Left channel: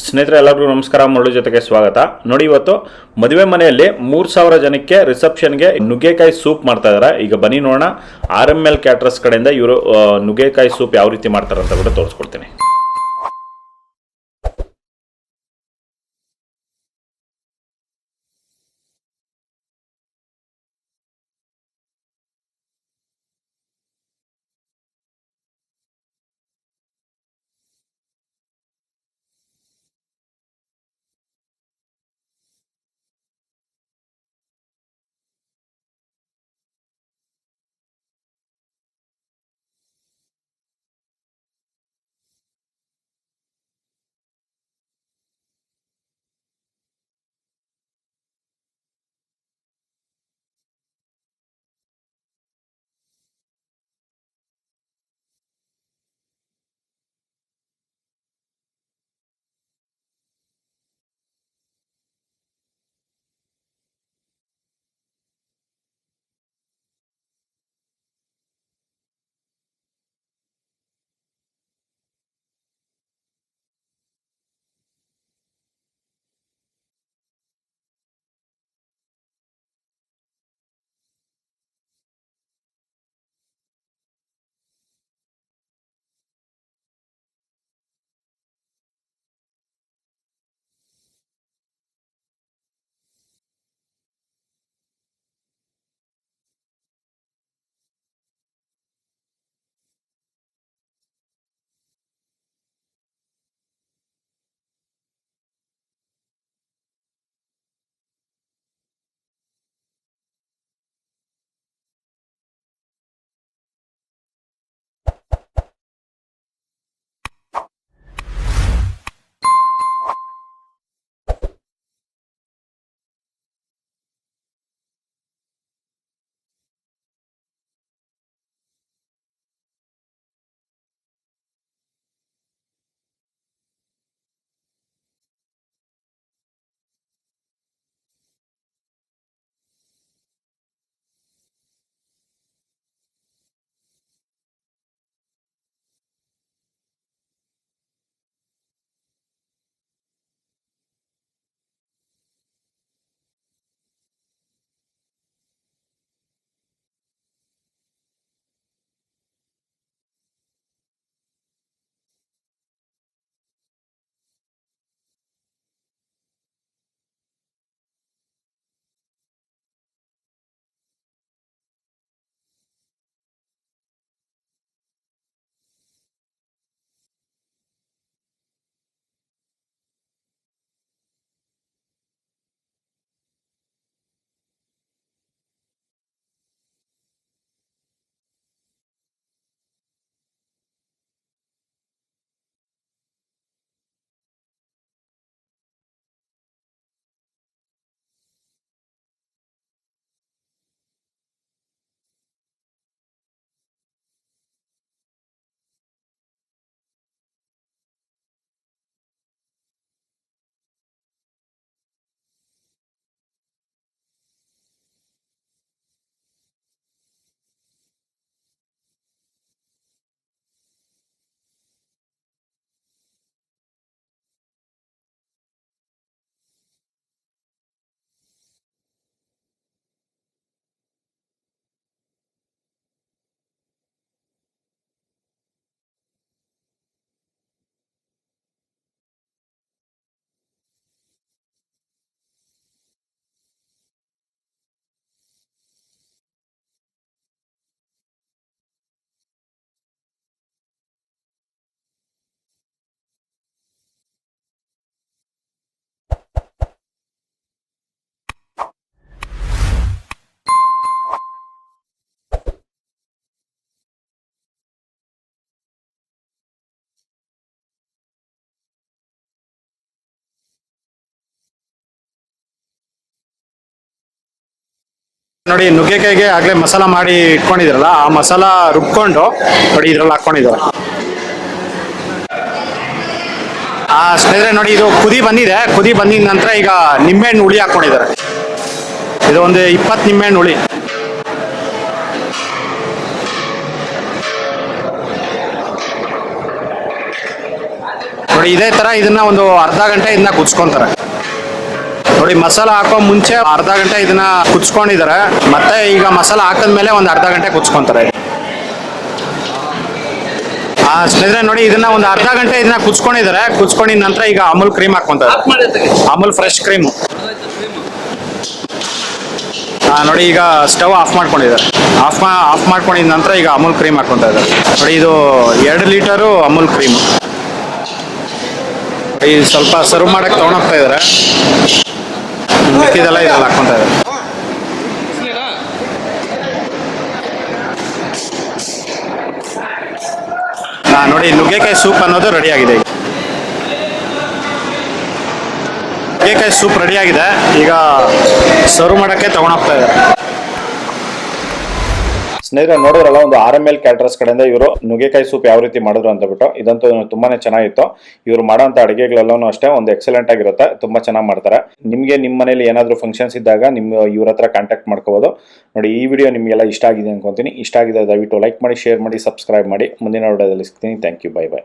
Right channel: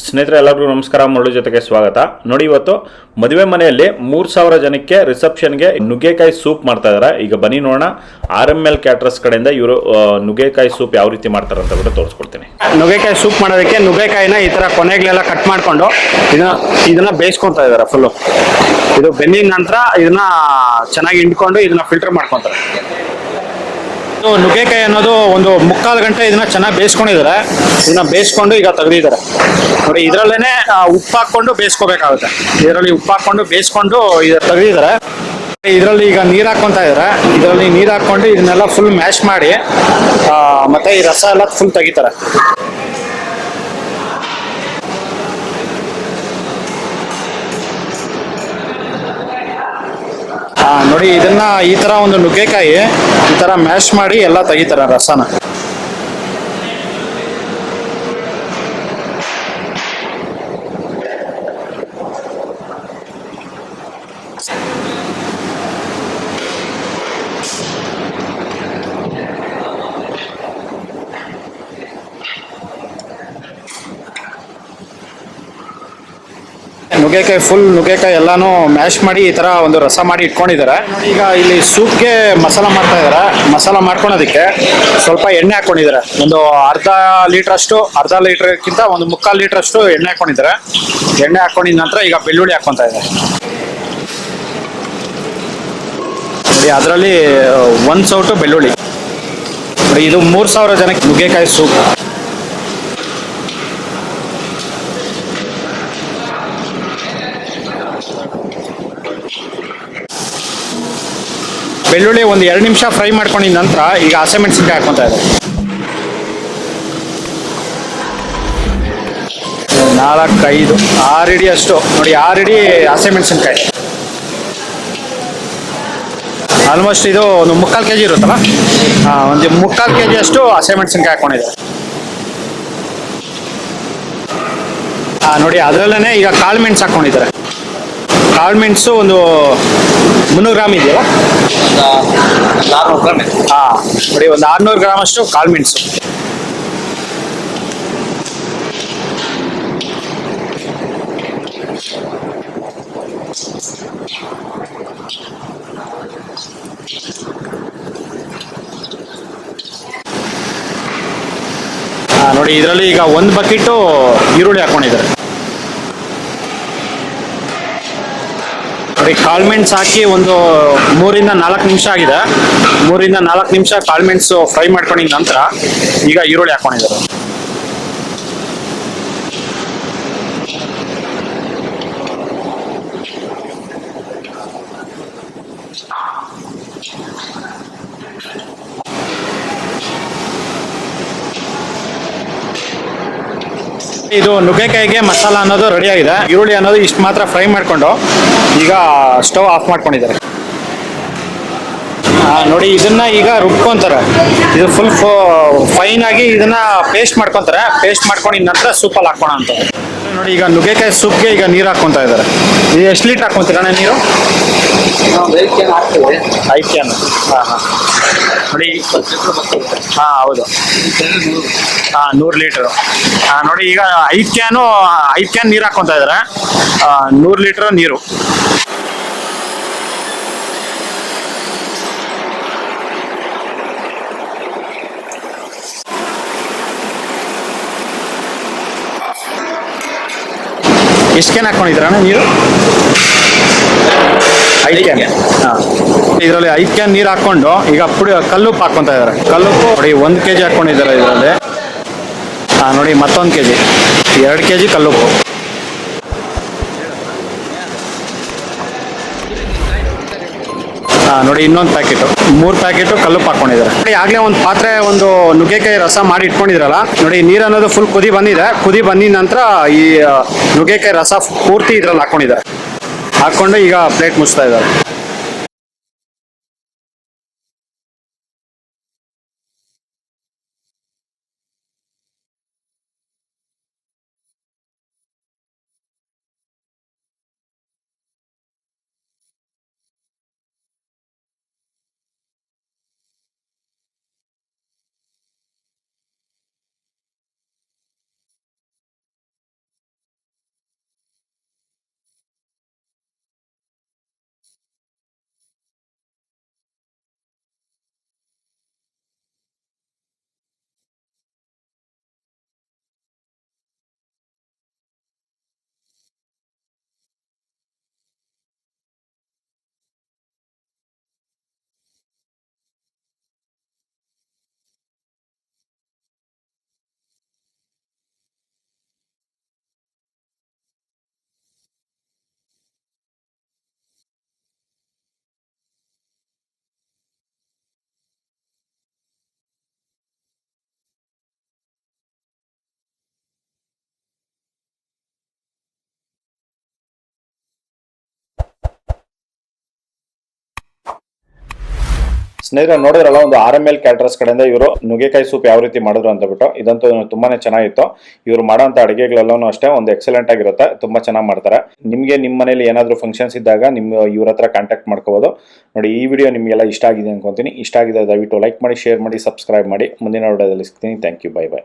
ಸ್ನೇಹಿತರೆ ಎಲ್ಲರಿಗೂ ನಮಸ್ಕಾರ. ಮುರಳಿ ಜೊತೆಗೆ ಸ್ವಾಗತ. ನೋಡಿ, ಇವತ್ತು ಮದುವೆ ಮನೆಯಲ್ಲಿ 3000 ಜನಕ್ಕೆ ರಿಸೆಪ್ಷನ್ಗೆ ನುಗ್ಗೆಕಾಯಿ ಸೂಪ್ ಮಾಡ್ತಾ ಇದ್ದಾರೆ. ಈಗ ಬನ್ನಿ ನೋಡೋಣ RML ಕ್ಯಾಟರರ್ಸ್ ಕಡೆಯಿಂದ ಇವರು ನುಗ್ಗೆಕಾಯಿ ಸೂಪ್ ಯಾವ ರೀತಿ ಮಾಡ್ತಾರೆ ಅಂತ ಕೂಡ ತೋರಿಸ್ಕೊಡ್ತೀನಿ. ನುಗ್ಗೆಕಾಯಿ ಸೂಪ್ ಮಾಡೋದಕ್ಕೆ ನುಗ್ಗೆಕಾಯಿನ ಈ ಥರ ಕೊನೆಗಳೆಲ್ಲ ಕಟ್ ಮಾಡಿಕೊಂಡು ಇದನ್ನ ಬೇಯಿಸ್ಕೊತಾ ಇದ್ದಾರೆ. ಫುಲ್ಲು ಇದು ಬೆಂದಿದ ನಂತರ ಇದನ್ನ ಚೆನ್ನಾಗಿ ಹಿಂಡ್ಕೊಂಡು ಇದನ್ನ ಫಿಲ್ಟರ್ ಮಾಡ್ಕೊತಾರೆ. ನುಗ್ಗೆಕಾಯಿ ಅನ್ನೋದು ಒಂದು 3/4 ಗಂಟೆ ಇದನ್ನ ಚೆನ್ನಾಗಿ ಬೇಯಿಸ್ಕೊಂಡಿದ್ದಾರೆ. ಇದನ್ನ ಬೇಯಿಸ್ಕೊಂಡು ಈಗ ತೆಗೆದಿದ್ದಾರೆ. ನೋಡಿ, ಇದರಲ್ಲೇನೆ ಉಪ್ಪು ಹಾಕೊಂಡು ಬೇಯಿಸ್ಕೋಬೇಕಾಗುತ್ತೆ. ಇದರಲ್ಲಿ ಉಪ್ಪು ಹಾಕೊಂಡು ಬೇಯಿಸ್ಕೊಂಡು ತೆಗೆದಿದ್ದಾರೆ. ಇದರಲ್ಲಿ ಈಗ ನೀರು ಹಾಕ್ಕೊಂತ ಇದ್ದಾರೆ. ಇದರಲ್ಲಿ ನೀರು ಹಾಕೊಂಡು ಇದನ್ನೆಲ್ಲ ಫುಲ್ ಮ್ಯಾಶ್ ಮಾಡಿ ಮತ್ತೆ ಈ ರಸ ಎಲ್ಲ ಫುಲ್ ತೆಗಿತಾರೆ. ನೋಡಿ, ಇದನ್ನ ಈ ತರ ಒಂದು ನುಗ್ಗೆಕಾಯಿ ಈ ತರ ಮ್ಯಾಶ್ ಮಾಡಿ ಎಲ್ಲ ತೆಗಿತಾರೆ ರಸನ. ನುಗ್ಗೆಕಾಯಿ ಎಲ್ಲಾನು ಮ್ಯಾಶ್ ಮಾಡಿ ಈ ತರ ಒಂದು ರಸ ಮಾಡಿ ಇಟ್ಕೊಂಡಿದ್ದಾರೆ. ನೋಡಿ, ಈಗ ಇಲ್ಲಿ ಸೂಪ್ಗೆ ಮಸಾಲ ಮಾಡ್ತಾ ಇದಾರೆ. ಮಸಾಲ ಮಾಡ್ಕೊಳೋದಕ್ಕೆ ಸ್ವಲ್ಪ ಎಣ್ಣೆ ಹಾಕೊಂಡಿದ್ದಾರೆ. ಒಂದು ಅರ್ಧ ಲೀಟರ್ಗಿಂತ ಒಂದು 3/4 ಲೀಟರ್ ಅಷ್ಟು ಎಣ್ಣೆ ಹಾಕೊಂಡಿದ್ದಾರೆ. ಎಣ್ಣೆ ಹಾಕೊಂಡಿದ ನಂತರ ಈಗ ಬೆಳ್ಳುಳ್ಳಿ ಹಾಕೊಂತ ಇದ್ದಾರೆ. ನೋಡಿ, ಅದರಲ್ಲಿ 1 ಸೌಟು ಬೆಳ್ಳುಳ್ಳಿ. ನೋಡಿ, ಇದು 3000 ಜನಕ್ಕೆ ನುಗ್ಗೆಕಾಯಿ ಸೂಪ್. ಬೆಳ್ಳುಳ್ಳಿ ಒಂದು 2 ನಿಮಿಷ ಫ್ರೈ ಮಾಡ್ಕೊಂಡಿದ ನಂತರ ಈಗ ಹಸಿಮೆಣಸಿನ್ಕಾಯಿ ಹಾಕೊಂತ ಇದೆ. 4, 5, 6 ಇಡಿ ಅಷ್ಟು. ನೋಡಿ, 6 ಇಡಿ ಹಸಿಮೆಣಸಿನ್ಕಾಯಿ. ಆಲ್ಮೋಸ್ಟ್ ಇದು ಒಂದು 3/4 kg ಇರುತ್ತಲ್ಲ, ಒಂದು 3/4 kg ಅಷ್ಟು ಹಸಿಮೆಣಸಿನ್ಕಾಯಿ ಹಾಕೊಂಡಿದ್ದಾರೆ. ನೋಡಿ, ಅದರಲ್ಲೇ ಈಗ ಕಾಳು ಮೆಣಸು ಹಾಕೊಂಡಿದ್ದಾರೆ. ಕಾಳು ಮೆಣಸು ಒಂದು 300 ಗ್ರಾಮ್ ಇದೆಯಲ್ಲ, 400 ಗ್ರಾಮ್. ನೋಡಿ, ಒಂದು 600 ಗ್ರಾಮ್ ಅಷ್ಟು ಕಾಳು ಮೆಣಸು. ನೋಡಿ, ಇದರಲ್ಲಿ ಈಗ 1 ಬಕೆಟು ಈರುಳ್ಳಿ ಹಾಕೊಂಡಿದ್ದಾರೆ. ನೋಡಿ, ಕಾಳುಮೆಣಸು ಹಾಕಿ ಒಂದು 3ರಿಂದ 4 ನಿಮಿಷ ಆಗಿದೆ. 3ರಿಂದ 4 ನಿಮಿಷ ಕಾಳುಮೆಣಸು ಫ್ರೈ ಮಾಡ್ಕೊಂಡಿದ ನಂತರ ಈಗ ಈರುಳ್ಳಿ ಹಾಕೊಂಡಿದ್ದಾರೆ. ಇದು ನುಗ್ಗೆಕಾಯಿಗೆ ಮಸಾಲ ಅನ್ನೋದು ರೆಡಿ ಆಗಿದೆ. ಈರುಳ್ಳಿ ಅನ್ನೋದು ಇಷ್ಟು ಮಾತ್ರ ಫ್ರೈ ಮಾಡಿಕೊಂಡು ಈಗ ಸ್ಟವ್ ಆಫ್ ಮಾಡ್ಕೊಂಡಿದ್ದಾರೆ. ನೋಡಿ, ಇದನ್ನ ಈಗ ರುಬ್ಕೊಂತಾರೆ. ಇದು ಫುಲ್ ಫೈನ್ ಆಗಿ ಇದನ್ನ ಪೇಸ್ಟ್ ಮಾಡ್ಕೊಂತಾರೆ. ಪೇಸ್ಟ್ ಮಾಡ್ಕೊಂಡಿದ ನಂತರ ಸೂಪಲ್ಲಿ ಹಾಕೋಣ ಅಂತ. ನೋಡಿ, ಈಗ ನುಗ್ಗೆಕಾಯಿ ಸೂಪ್ಗೆ ಈಗ ನೀರು ಹಾಕ್ಕೊಂತ ಇದ್ದಾರೆ. ಇದು ಎಷ್ಟು ಲೀಟ್ರ್ ಹಾಕ್ಕೊಂತೀರಣ್ಣ ನೀರು? 5 ಕ್ಯಾನ್ ಹಾಕ್ತೇವೆ. 5 ಕ್ಯಾನ್. ನೋಡಿ, ಹೌದು, 100 ಲೀಟರ್. ನೋಡಿ, ಈಗ 5 ಕ್ಯಾನ್ ನೀರು ಹಾಕ್ಕೊಂತ ಇದ್ದಾರೆ. 100 ಲೀಟರ್ ನೀರು. ಎಷ್ಟು ಕ್ಯಾನ್ ಹಾಕೊಂಡಿದ್ದೀರಣ್ಣ ನೀರು? 5 ಕ್ಯಾನ್. ಇದರಲ್ಲಿ 5 ಕ್ಯಾನ್ ನೀರು ಹಾಕೊಂಡು ಈಗ ಕಲ್ಲುಪ್ಪು ಹಾಕೊಂತ ಇದ್ದಾರೆ. ಕಲ್ಲುಪ್ಪು ನೋಡಿ 1 kg ಹಾಕೊಂಡಿದ್ದಾರೆ ಇದರಲ್ಲಿ. ನೋಡಿ, ಮತ್ತೊಂದು kg, 2 kg ಕಲ್ಲುಪ್ಪು. ನೋಡಿ, ಇನ್ನೊಂದು ಪ್ಯಾಕೆಟು, 3 ಪ್ಯಾಕೆಟು ಕಲ್ಲುಪ್ಪು ಹಾಕೊಂಡಿದ್ದಾರೆ. ನೋಡಿ, ಆಗಲೇ ಒಂದು ಪಾತ್ರೆ ಒಂದು ನುಗ್ಗೆಕಾಯಿ ರಸ ಮಾಡಿ ಇಟ್ಕೊಂಡಿದ್ರಲ್ಲ. ನೋಡಿ, ನೀರು ಅನ್ನೋದು ಫುಲ್ ಕುದಿ ಬಂದಿದೆ. ಕುದಿ ಬಂದಿದ ನಂತರ ಈ ನುಗ್ಗೆಕಾಯಿ ರಸ ಪೂರ್ತಿ ಇದ್ರಲ್ಲಿ ಹಾಕೊಂಡಿದ್ದಾರೆ. ಹಾಕ್ಕೊಂಡು ಈಗ ಪ್ಲೇಟ್ ಮುಚ್ತಾ ಇದ್ದಾರೆ. ನೋಡಿ, ನುಗ್ಗೆಕಾಯಿಗೆ ಆಗಲೇ ಮಸಾಲ ಮಾಡಿ ಇಟ್ಕೊಂಡಿದ್ರಲ್ಲ, ಆ ಮಸಾಲ ರುಬ್ಕೊಂಡು ನೋಡಿ ಇದ್ರಲ್ಲಿ ಹಾಕ್ಕೊಂಡಿದ್ದಾರೆ. ಸ್ನೇಹಿತರೆ, ನೋಡಿ, ಇದು ಕುದಿ ಬಂದಿದೆ. ಕುದಿ ಬಂದಿದ ನಂತರ ಈಗ ನಿಂಬೆಹಣ್ಣು ಹುಳಿ ಹಾಕ್ಕೊಂಡಿದ್ದಾರೆ. ಇದು ಒಂದು 20 ನಿಂಬೆಹಣ್ಣು ಹುಳಿ. ನೋಡಿ ಇದೇ ತರ ಇದನ್ನ ಒಂದು ಅರ್ಧ ಗಂಟೆ ಇದನ್ನ ಕುದಿಸ್ಕೊಂತಾರೆ. ನೋಡಿ ಮಸಾಲ ಹಾಕೋ ಮುಂಚೆ ಅರ್ಧ ಗಂಟೆ ಇದನ್ನ ಕುದಿಸ್ಕೊಂಡಿದ್ದಾರೆ, ಮತ್ತೆ ಈಗ ಮಸಾಲ ಹಾಕಿದ್ಮೇಲೆ ಒಂದು ಅರ್ಧ ಗಂಟೆ ಕುದಿಸ್ಕೊಂತಾರೆ. ಸ್ನೇಹಿತರೆ ನೋಡಿ ಇದನ್ನ ಒಂದು ಅರ್ಧ ಗಂಟೆ ಇದನ್ನ ಕುದಿಸ್ಕೊಂಡಿದ್ದಾರೆ. ಕುದಿಸ್ಕೊಂಡಿದ ನಂತರ ಈಗ ಅಮೂಲ್ ಕ್ರೀಮ್ ಹಾಕೊಂತಾರೆ, ಅಮೂಲ್ ಫ್ರೆಶ್ ಕ್ರೀಮ್. ನೋಡಿ ಈಗ ಸ್ಟವ್ ಆಫ್ ಮಾಡ್ಕೊಂಡಿದ್ದಾರೆ. ಆಫ್ ಮಾಡ್ಕೊಂಡಿದ ನಂತರ ಈಗ ಅಮೂಲ್ ಕ್ರೀಮ್ ಹಾಕೊಂತ ಇದ್ದಾರೆ. ನೋಡಿ ಇದು 2 ಲೀಟರು ಅಮೂಲ್ ಕ್ರೀಮ್. ಈ ಸ್ವಲ್ಪ ಸರ್ವ್ ಮಾಡಕ್ಕೆ ತಗೊಂಡೋಗ್ತಾ ಇದ್ದಾರೆ. ಮಿಕ್ಕಿದೆಲ್ಲ ಇದ್ರಲ್ಲಿ ಹಾಕೊಂತ ಇದ್ದಾರೆ. ನೋಡಿ ನುಗ್ಗೆಕಾಯಿ ಸೂಪ್ ಅನ್ನೋದು ರೆಡಿ ಆಗಿದೆ. ನುಗ್ಗೆಕಾಯಿ ಸೂಪ್ ರೆಡಿ ಆಗಿದೆ. ಈಗ ಸರ್ವ್ ಮಾಡಕ್ಕೆ ತಗೊಂಡೋಗ್ತಾ ಇದ್ದಾರೆ. ಸ್ನೇಹಿತರೆ ನೋಡಿದ್ರಲ್ಲ, ಒಂದು RML ಕ್ಯಾಟರರ್ಸ್ ಕಡೆಯಿಂದ ಇವರು ನುಗ್ಗೆಕಾಯಿ ಸೂಪ್ ಯಾವ ರೀತಿ ಮಾಡಿದ್ರು ಅಂತ ಬಿಟ್ಟು. ಇದಂತೂ ತುಂಬಾನೇ ಚೆನ್ನಾಗಿತ್ತು. ಇವರು ಮಾಡೋಂಥ ಅಡುಗೆಗಳೆಲ್ಲನೂ ಅಷ್ಟೇ ಒಂದು ಎಕ್ಸಲೆಂಟ್ ಆಗಿರುತ್ತೆ, ತುಂಬಾ ಚೆನ್ನಾಗಿ ಮಾಡ್ತಾರೆ. ನಿಮಗೆ ನಿಮ್ಮ ಮನೇಲಿ ಏನಾದರೂ ಫಂಕ್ಷನ್ಸ್ ಇದ್ದಾಗ ಇವ್ರ ಹತ್ರ ಕಾಂಟ್ಯಾಕ್ಟ್ ಮಾಡ್ಕೋಬಹುದು. ನೋಡಿ ಈ ವಿಡಿಯೋ ನಿಮಗೆಲ್ಲ ಇಷ್ಟ ಆಗಿದೆ ಅನ್ಕೊಂತೀನಿ. ಇಷ್ಟ ಆಗಿದೆ ದಯವಿಟ್ಟು ಲೈಕ್ ಮಾಡಿ, ಶೇರ್ ಮಾಡಿ, ಸಬ್ಸ್ಕ್ರೈಬ್ ಮಾಡಿ. ಮುಂದಿನ ವಿಡಿಯೋದಲ್ಲಿ ಸಿಗ್ತೀನಿ. Thank you, bye by.